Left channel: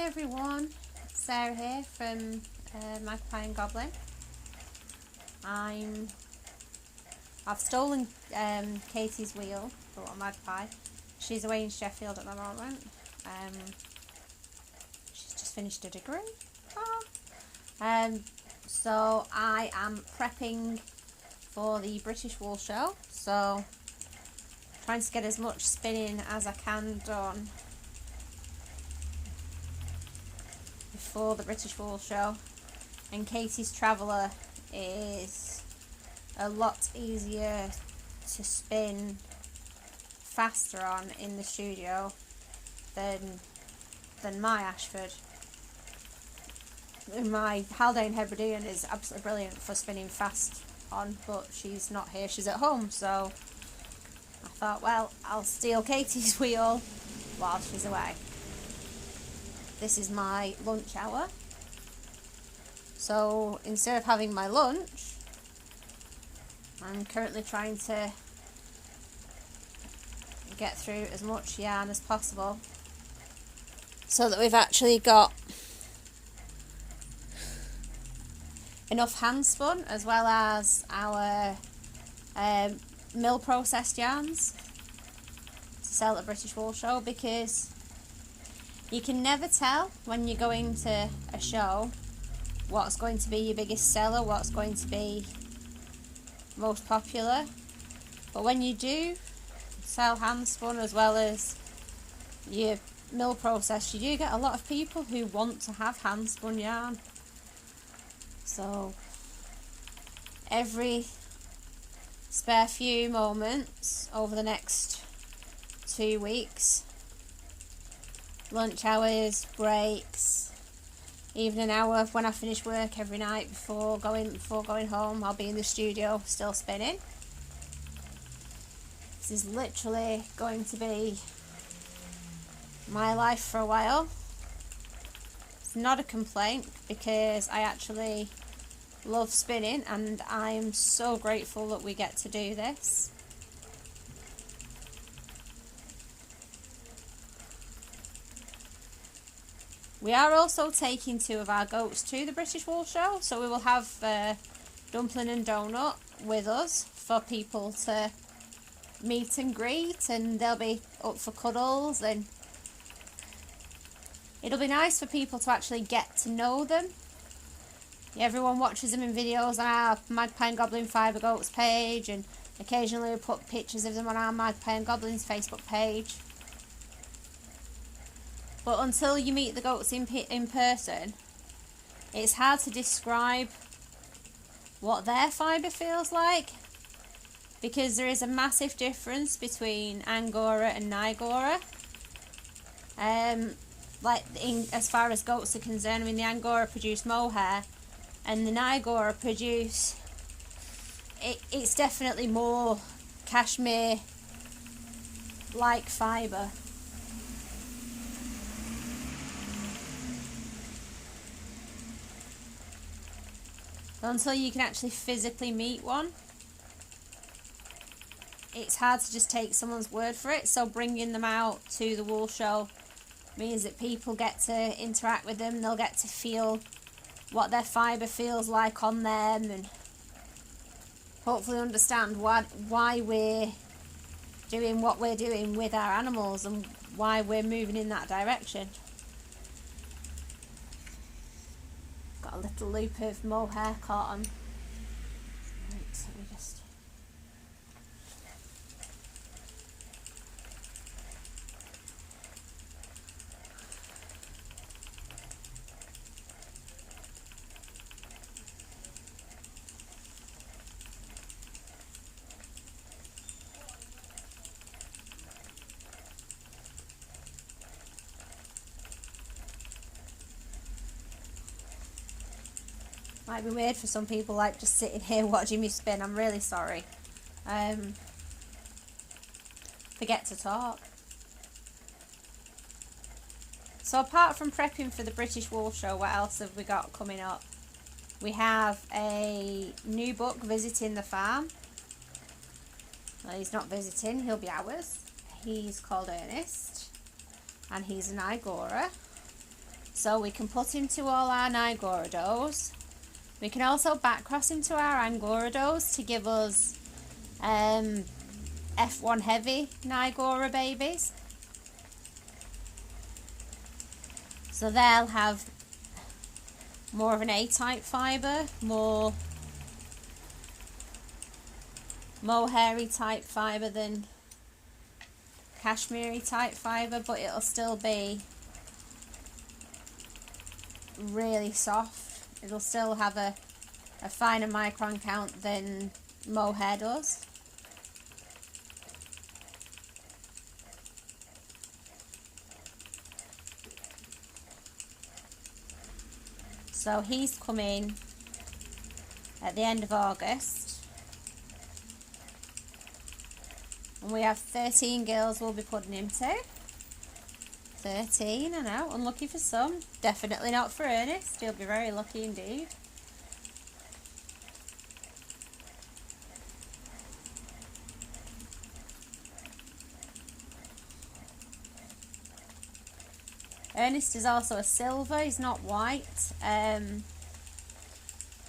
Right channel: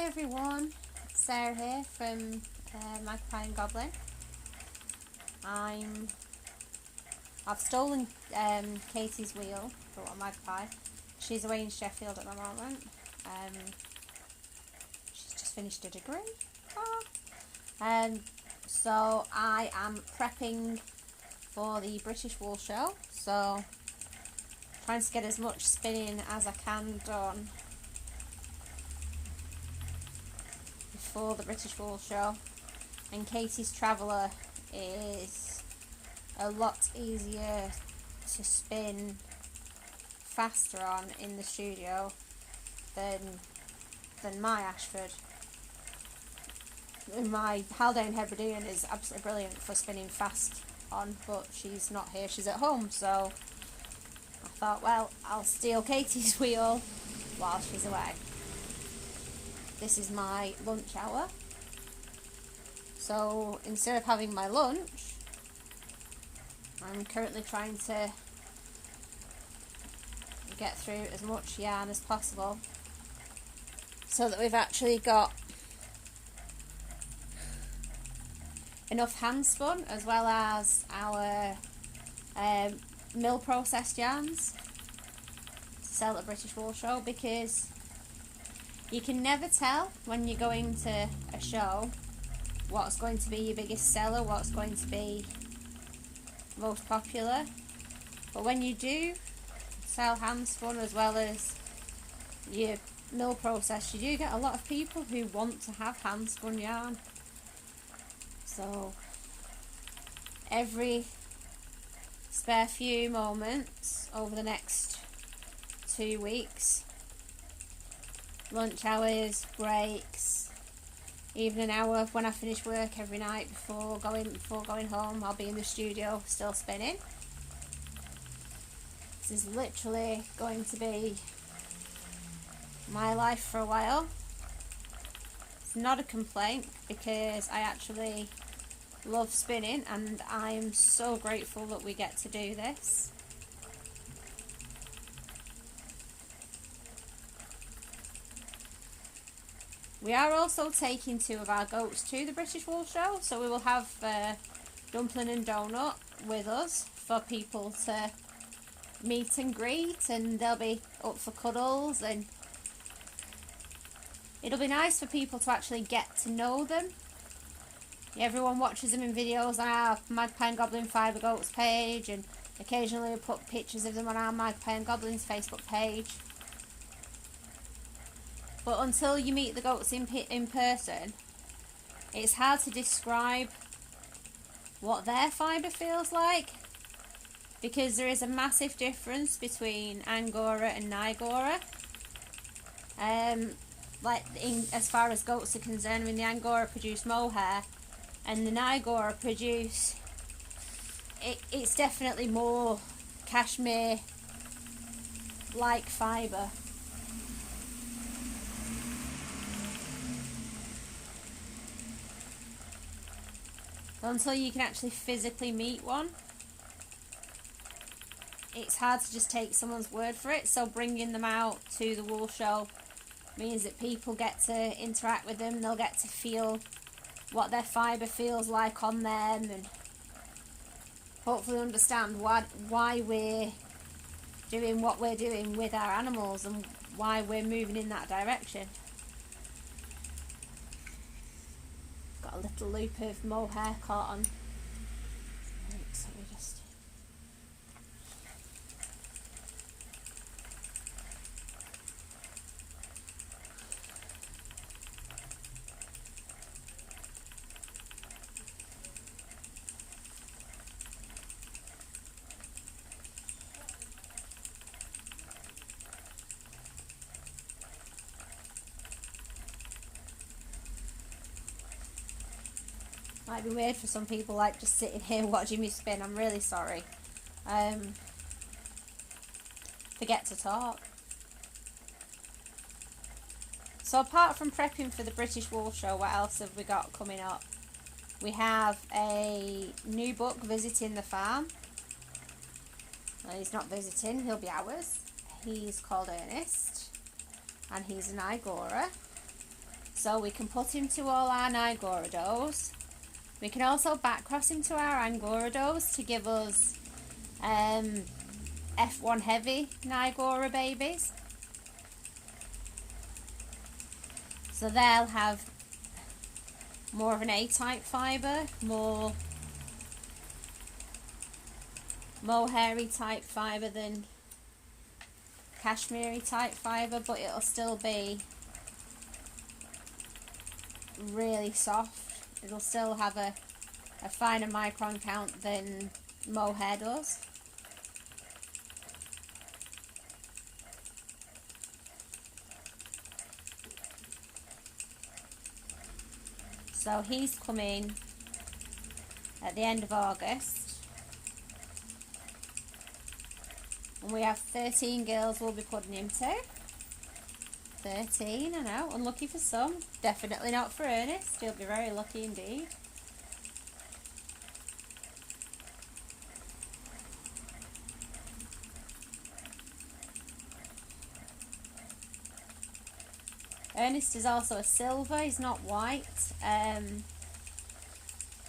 Hi everyone, it's Sarah here from Magpie and Goblin. I've stolen Kaytee's wheel for a Magpie. She's away in Sheffield at the moment. She's just finished a degree. So I am prepping for the British Wool Show. So trying to get as much spinning as I can done before the British Wool Show. And Kaytee's Traveller is a lot easier to spin faster on in the studio than my Ashford. My Haldane Hebridean is absolutely brilliant for spinning fast on, but she's not here, she's at home, so I thought, well, I'll steal Kaytee's wheel while she's away. This is my lunch hour, so instead of having my lunch, I'm currently trying to get through as much yarn as possible so that we've actually got enough hand spun as well as our mill processed yarns to sell at the British Wool Show, because you can never tell when you're going to a show what's going to be your biggest seller, what's going to be most popular. But when you do sell hand spun as well as your mill process, you do get a lot of people who want to have hand spun yarn. So every spare few moments over the next 2 weeks, lunch hours, breaks, even an hour when I finish work every night before going home, I'll be in the studio still spinning. This is literally going to be my life for a while. It's not a complaint because I actually love spinning and I'm so grateful that we get to do this. We are also taking 2 of our goats to the British Wool Show, so we will have Dumpling and Donut with us for people to meet and greet, and they'll be up for cuddles, and it'll be nice for people to actually get to know them. Everyone watches them in videos on our Magpie and Goblin Fibre Goats page, and occasionally we put pictures of them on our Magpie and Goblins Facebook page. But until you meet the goats in person, it's hard to describe what their fibre feels like, because there is a massive difference between Angora and Nigora. As far as goats are concerned, the Angora produce mohair and the Nigora produce, it's definitely more cashmere like fibre. Until you can actually physically meet one, it's hard to just take someone's word for it. So bringing them out to the wool show means that people get to interact with them, they'll get to feel what their fibre feels like on them, and hopefully understand why we're doing what we're doing with our animals and why we're moving in that direction. Got a little loop of mohair caught on. Right, so we just... Might be weird for some people, like just sitting here watching me spin. I'm really sorry. Forget to talk. So apart from prepping for the British Wool Show, what else have we got coming up? We have a new book, Visiting the Farm. Well, he's not visiting, he'll be ours. He's called Ernest, and he's an Igora. So we can put into all our Nigoridos. We can also back cross into our Angoridos to give us F1 heavy Nigora babies. So they'll have more of an A-type fibre, more hairy type fibre than Kashmiri type fibre, but it'll still be really soft. It'll still have a finer micron count than mohair does. So he's coming at the end of August. And we have 13 girls we'll be putting him to. 13, I know, unlucky for some. Definitely not for Ernest, he'll be very lucky indeed. Ernest is also a silver, he's not white.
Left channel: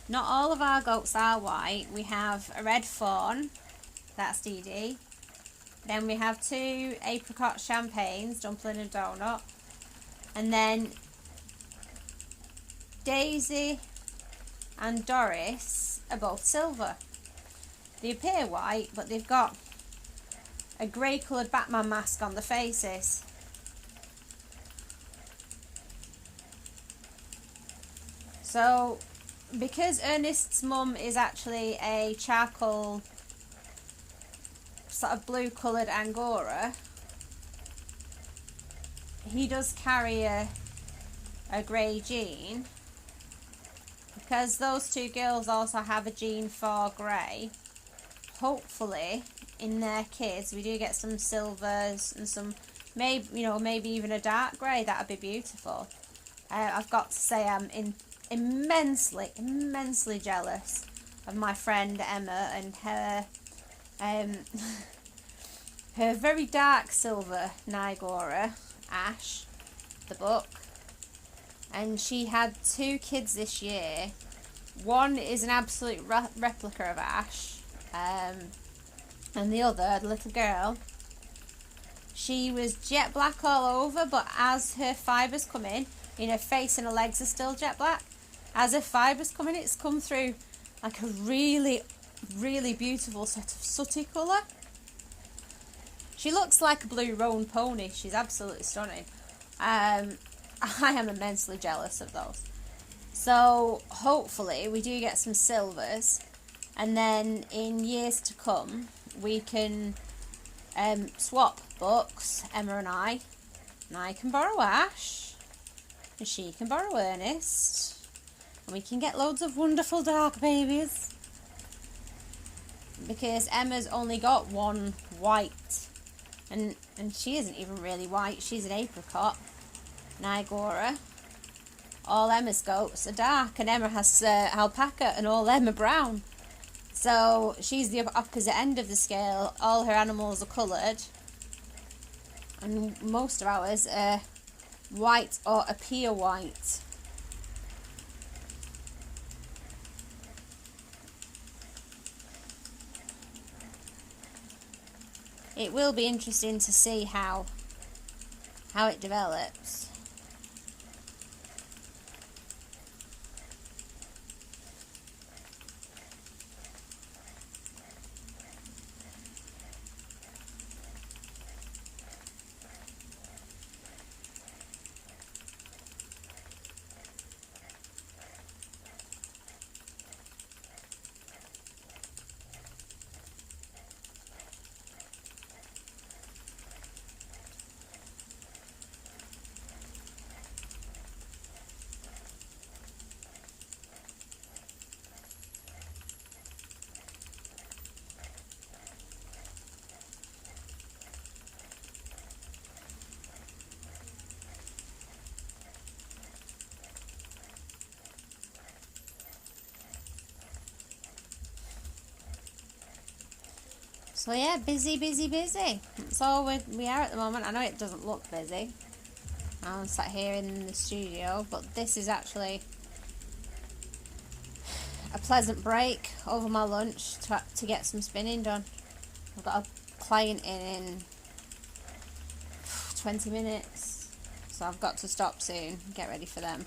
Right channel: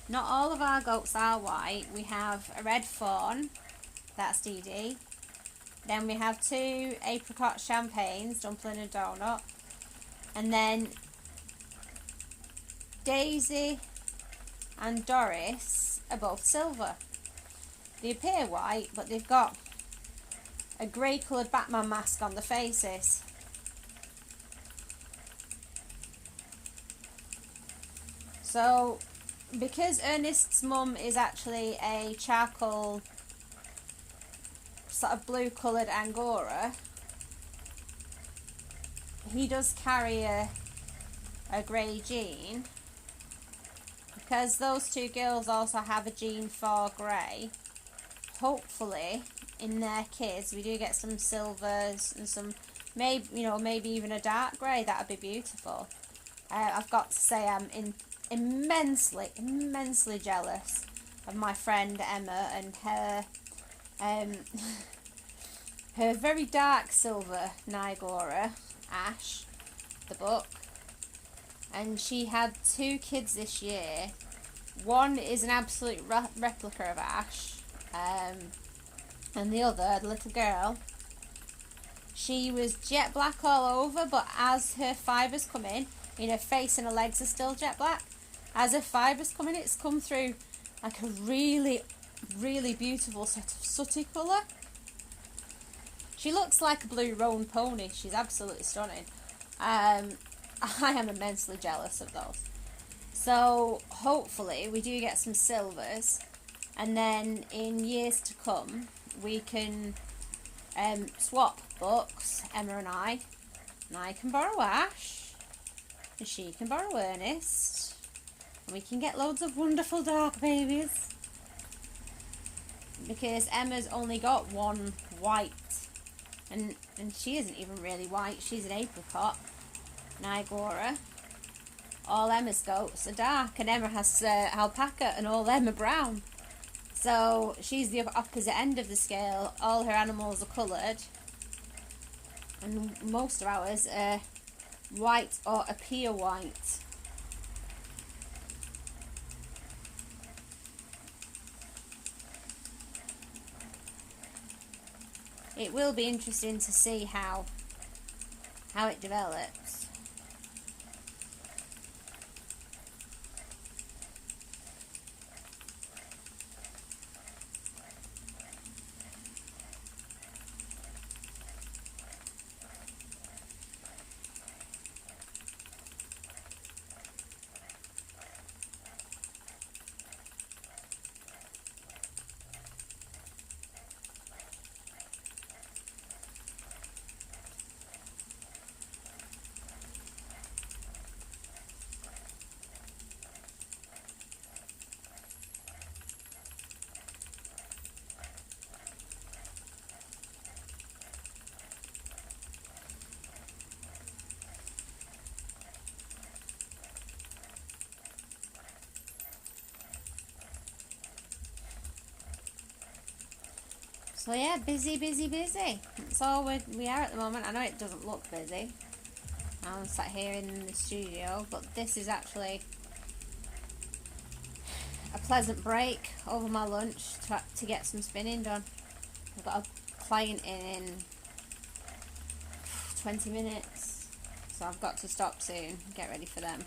Not all of our goats are white. We have a red fawn, that's Dee Dee. Then we have 2 apricot champagnes, dumpling and donut. And then Daisy and Doris are both silver. They appear white, but they've got a grey coloured Batman mask on the faces. So, because Ernest's mum is actually a charcoal, sort of blue coloured Angora, he does carry a grey gene. Because those 2 girls also have a gene for grey, hopefully in their kids we do get some silvers and some, maybe even a dark grey. That would be beautiful. I've got to say I'm immensely jealous of my friend Emma and her her very dark silver Nigora, Ash, the book. And she had 2 kids this year. One is an absolute replica of Ash, and the other, the little girl, she was jet black all over, but as her fibres come in, her face and her legs are still jet black. As her fibres come in, it's come through like a really beautiful sort of sooty colour. She looks like a blue roan pony. She's absolutely stunning. I am immensely jealous of those. So hopefully we do get some silvers, and then in years to come we can swap books, Emma and I can borrow Ash and she can borrow Ernest, and we can get loads of wonderful dark babies, because Emma's only got one white, and she isn't even really white, she's an apricot Nigora. All Emma's goats are dark, and Emma has alpaca, and all them are brown. So she's the opposite end of the scale. All her animals are coloured, and most of ours are white or appear white. It will be interesting to see how it develops. So yeah, busy. That's all we are at the moment. I know it doesn't look busy. I'm sat here in the studio, but this is actually a pleasant break over my lunch to get some spinning done. I've got a client in 20 minutes, so I've got to stop soon and get ready for them.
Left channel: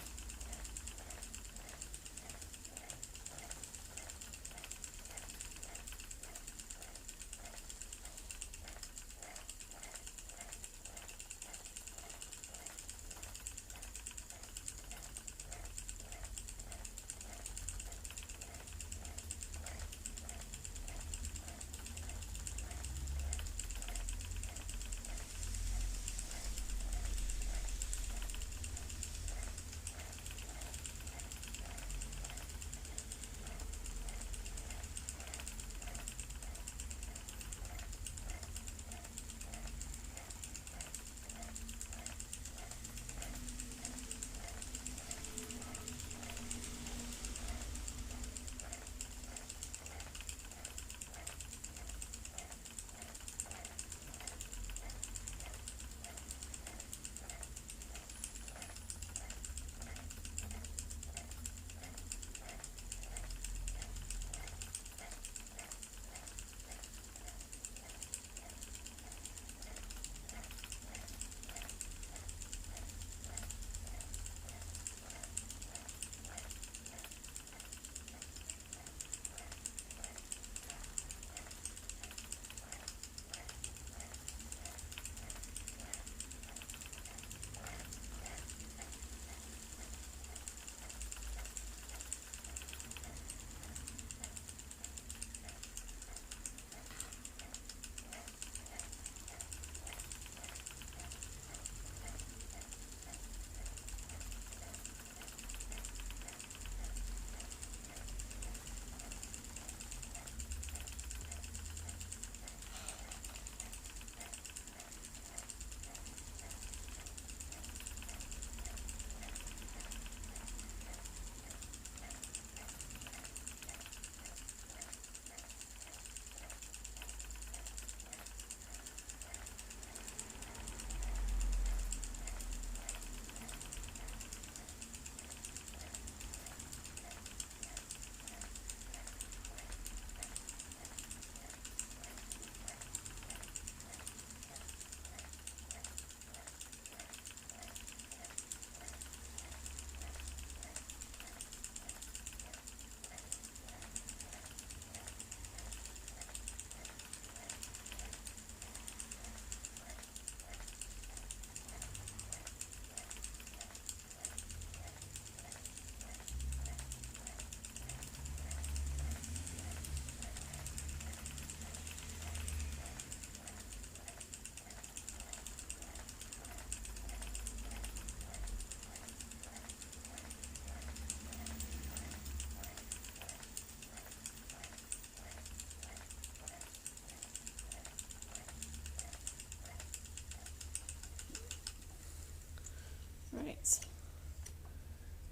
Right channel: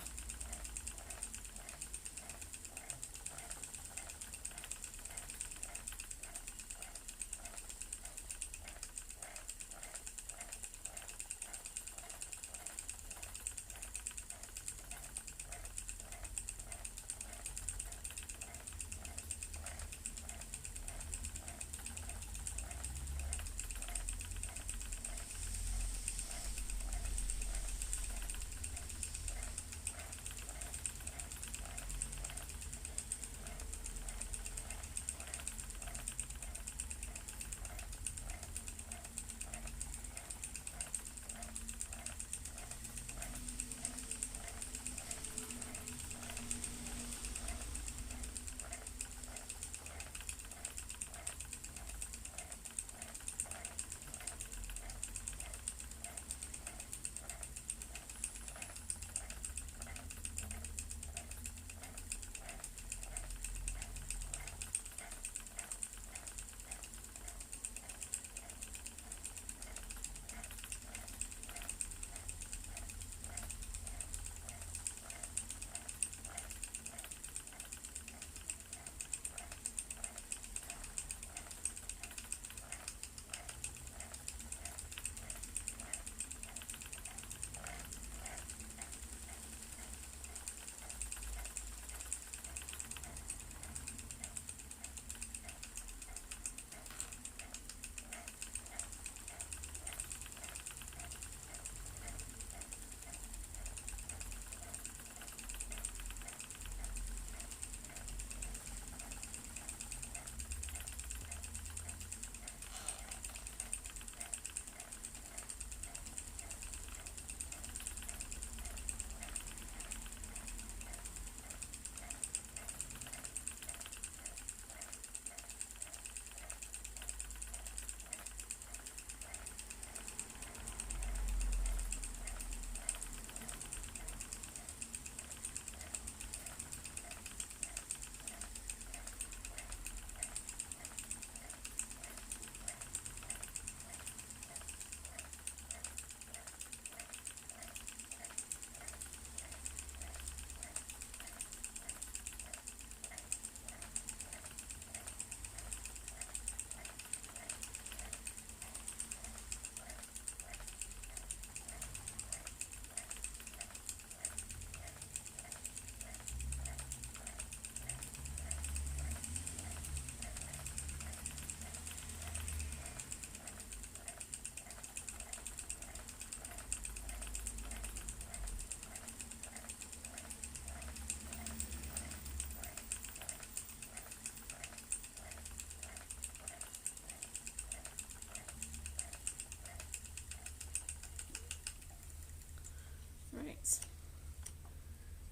Right,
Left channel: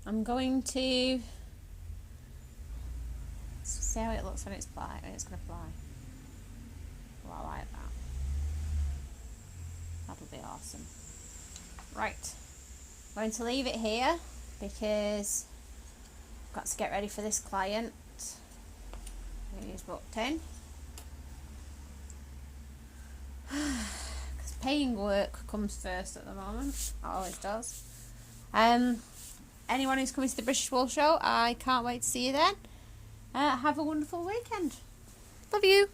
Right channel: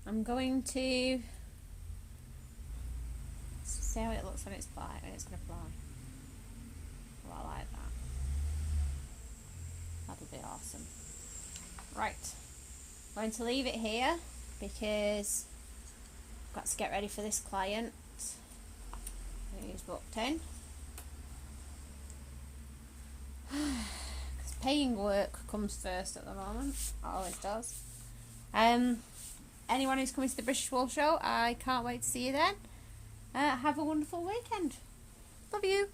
I'm going to see how it looks when it's fly. It's going to fly. Oh, I like that. That'll be awesome. Right, I'm going to leave it here because I've got to get ready for this client. He's booked in. Because paying work comes first at the moment. It always does. Anyone who's coming to the British Wool Show, I can't wait to see you then. Have a wonderful weekend. Love you.